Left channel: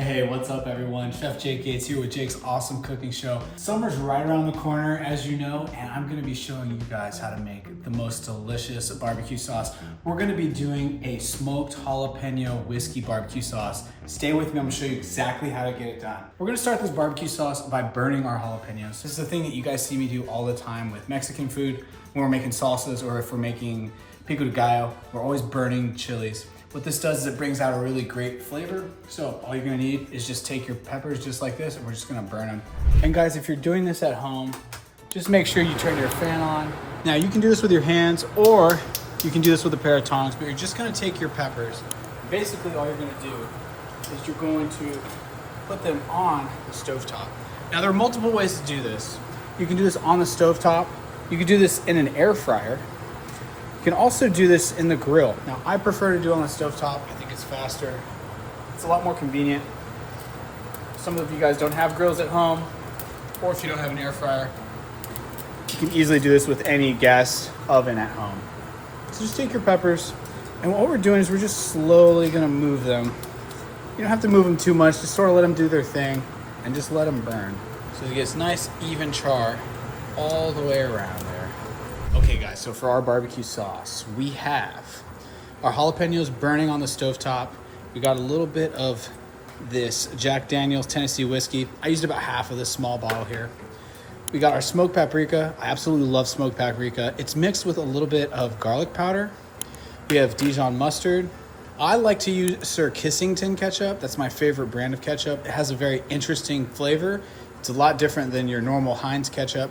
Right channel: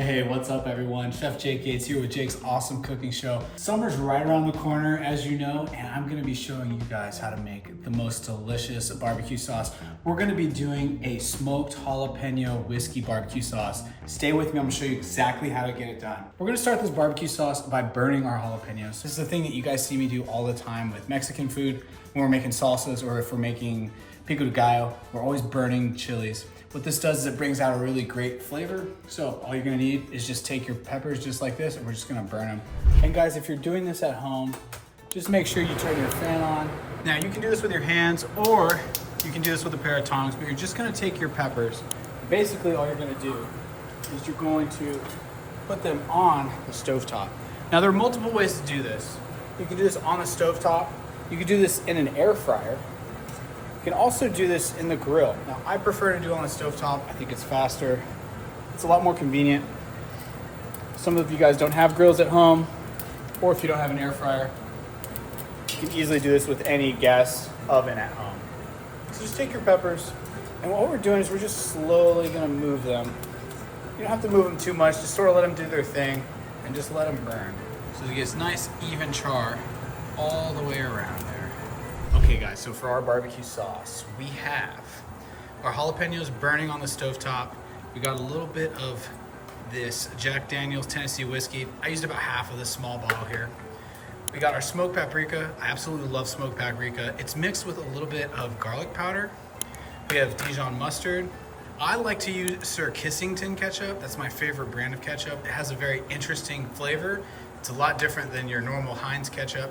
Hey, what's up everyone? Chef Jake Gates here with Jake's Awesome Cooking Show. Summer's right around the corner, as you know, and I'm gonna be showing you guys how to make the most delicious barbecue sauce. We're gonna be doing a smoked jalapeno whiskey barbecue sauce. Stay with me, I'm gonna show you exactly how to get it done. We're gonna start this barbecue sauce by burning our jalapenos. This is the thing that you guys see me do all the time with Mexican food, when we're making salsas or if we're making pico de gallo, we're always burning chilies. What this does is it brings out a really great flavor. So all you're gonna need is just take your peppers just like this and we're just gonna burn them. And guys, if you're doing this at home, just make sure you turn your fan on. Now you can do this with your hands or you can do this with a pair of tongs, but you're just gonna take your peppers. Basically all you're gonna do is you're going to put them on the stovetop. Now there are multiple ways to do this. You can do this on the stovetop. You can do this in an air fryer. You can also do this in the grill. Now, I prefer to do it on the stovetop. I think it's faster. It's a lot more convenient. Some of you guys don't have grills at home, or if you don't have an air fryer, you can easily do this with any gas oven at home. So just take your peppers, and what we're doing is we're just slowly gonna move them. You don't have to move them too much, just sort of let them do their thing, and just let them burn. So it gets nice, even char all the way around there. Okay guys, so for our barbecue sauce, we have our jalapenos burning on the stovetop. We got a little bit of this Jack Daniel's Tennessee whiskey. I used about half of this small bottle here. We got our smoked paprika. I absolutely love smoked paprika. It's mixed with a little bit of garlic powder. We have Dijon mustard. I like to use Sir Kissington ketchup. That's my favorite brand of ketchup. It has a very interesting flavor. It's a lot different than your normal Heinz ketchup.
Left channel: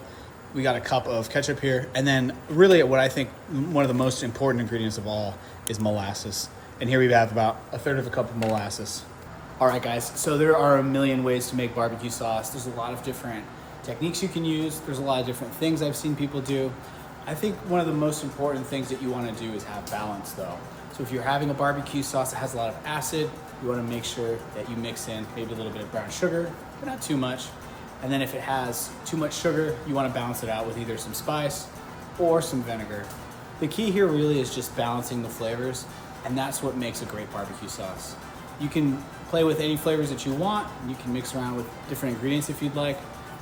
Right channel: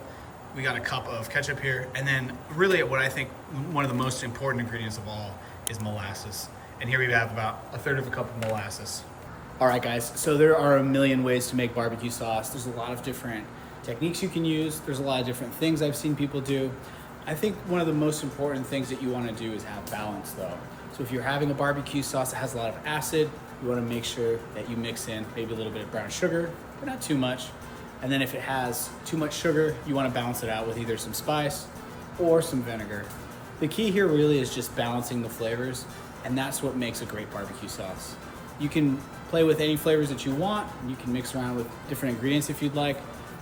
We got a cup of ketchup here. And then really what I think one of the most important ingredients of all is molasses. And here we have about a third of a cup of molasses. All right guys, so there are a million ways to make barbecue sauce. There's a lot of different techniques you can use. There's a lot of different things I've seen people do. I think one of the most important things that you wanna do is have balance though. So if you're having a barbecue sauce that has a lot of acid, you wanna make sure that you mix in maybe a little bit of brown sugar, but not too much. And then if it has too much sugar, you wanna balance it out with either some spice or some vinegar. The key here really is just balancing the flavors, and that's what makes a great barbecue sauce. You can play with any flavors that you want, and you can mix around with different ingredients if you'd like,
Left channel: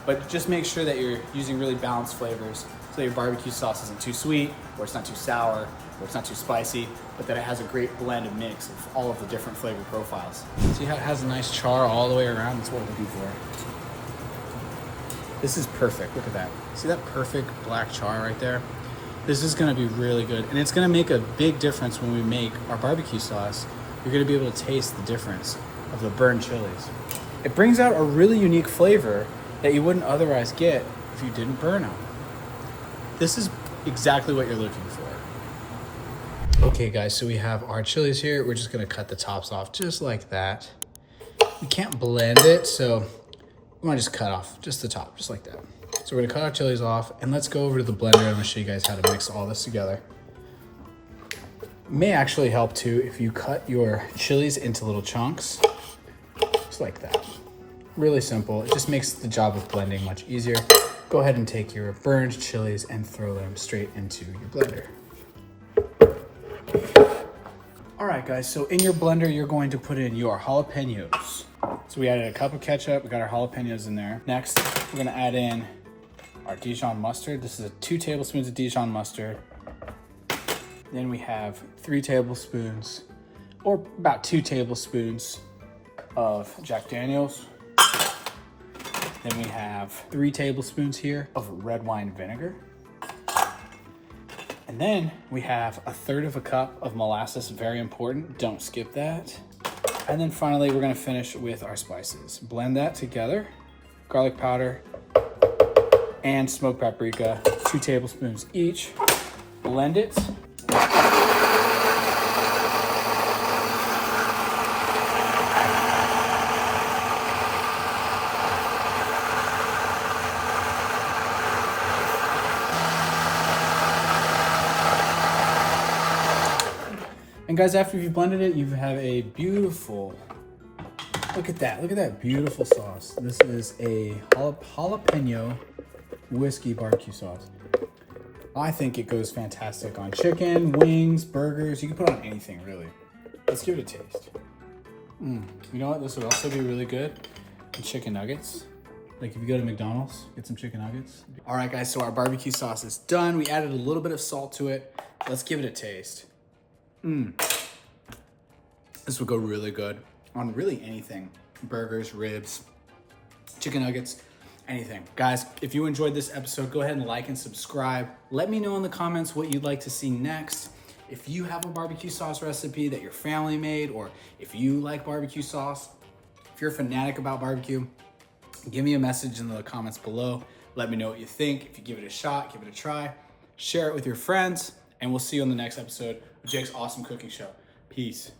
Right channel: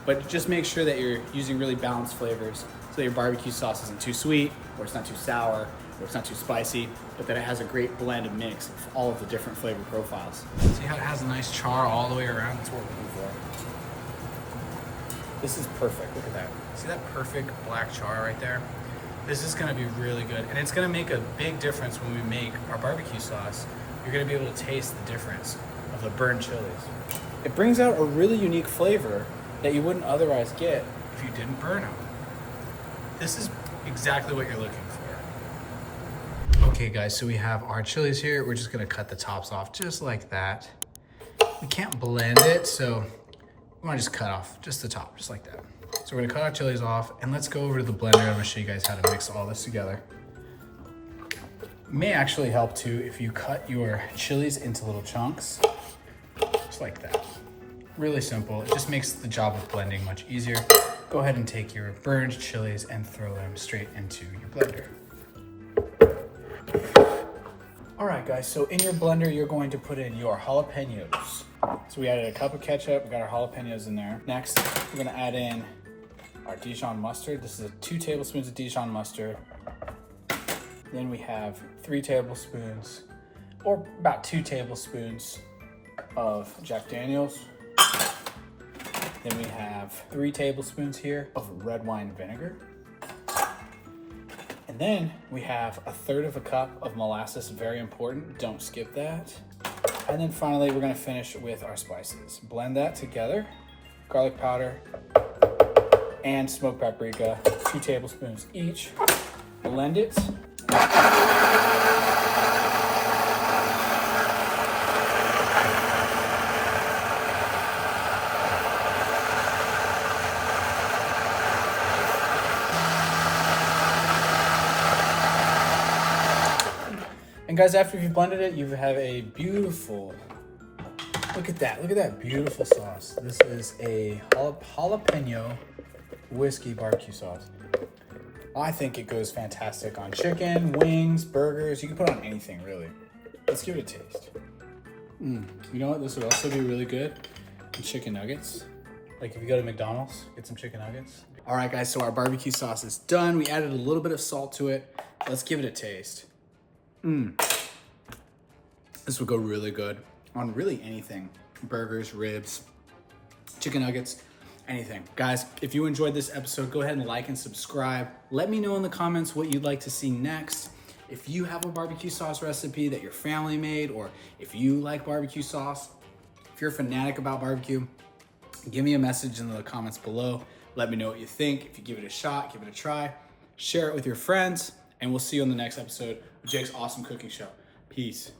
but just make sure that you're using really balanced flavors so that your barbecue sauce isn't too sweet, or it's not too sour, or it's not too spicy, but that it has a great blend and mix of all of the different flavor profiles. See how it has a nice char all the way around? That's what we're looking for. This is perfect, look at that. See that perfect black char right there? This is gonna be really good, and it's gonna make a big difference when we make our barbecue sauce. You're gonna be able to taste the difference of the burnt chilies. It brings out a really unique flavor that you wouldn't otherwise get if you didn't burn them. This is exactly what you're looking for. Okay guys, so we have our chilies here. We're just gonna cut the tops off just like that. We can't blend it, so we wanna just cut off just the top, just like that. So we're gonna cut our chilies off, and let's go over to the blender. I'm gonna show you guys how to mix all this together. It may actually help too if you cut your chilies into little chunks, just like that. Really simple, it just makes the job of blending much easier. Go ahead and take your burned chilies and throw them straight into your blender. All right guys, so in your blender, you're going to put in your jalapenos. So we added a cup of ketchup, we got our jalapenos in there. Next, we're gonna add in our Dijon mustard. This is 2 tablespoons of Dijon mustard. Then we have 3 tablespoons, or about 2 tablespoons of Jack Daniel's. Then we have 3 tablespoons here of red wine vinegar. And then we have a third of a cup of molasses, very important, don't skip that. And then finally, we're gonna finish with our spices. Blend that together, garlic powder and smoked paprika, 2 tablespoons each. Blend it. And guys, after you've blended it, you have a beautiful, look at that beautiful sauce. This is a jalapeno whiskey barbecue sauce. I think it goes fantastic on chicken, wings, burgers. You can put it on anything, really. Let's give it a taste. You know what? This would also be really good with chicken nuggets. Like if you go to McDonald's, get some chicken nuggets. All right, guys, so our barbecue sauce is done. We added a little bit of salt to it. Let's give it a taste. This would go really good on really anything. Burgers, ribs, chicken nuggets, anything. Guys, if you enjoyed this episode, go ahead and like and subscribe. Let me know in the comments what you'd like to see next. If you have a barbecue sauce recipe that your family made, or if you like barbecue sauce, if you're a fanatic about barbecue, give me a message in the comments below. Let me know what you think. If you give it a shot, give it a try. Share it with your friends, and we'll see you on the next episode of Jake's Awesome Cooking Show. Peace.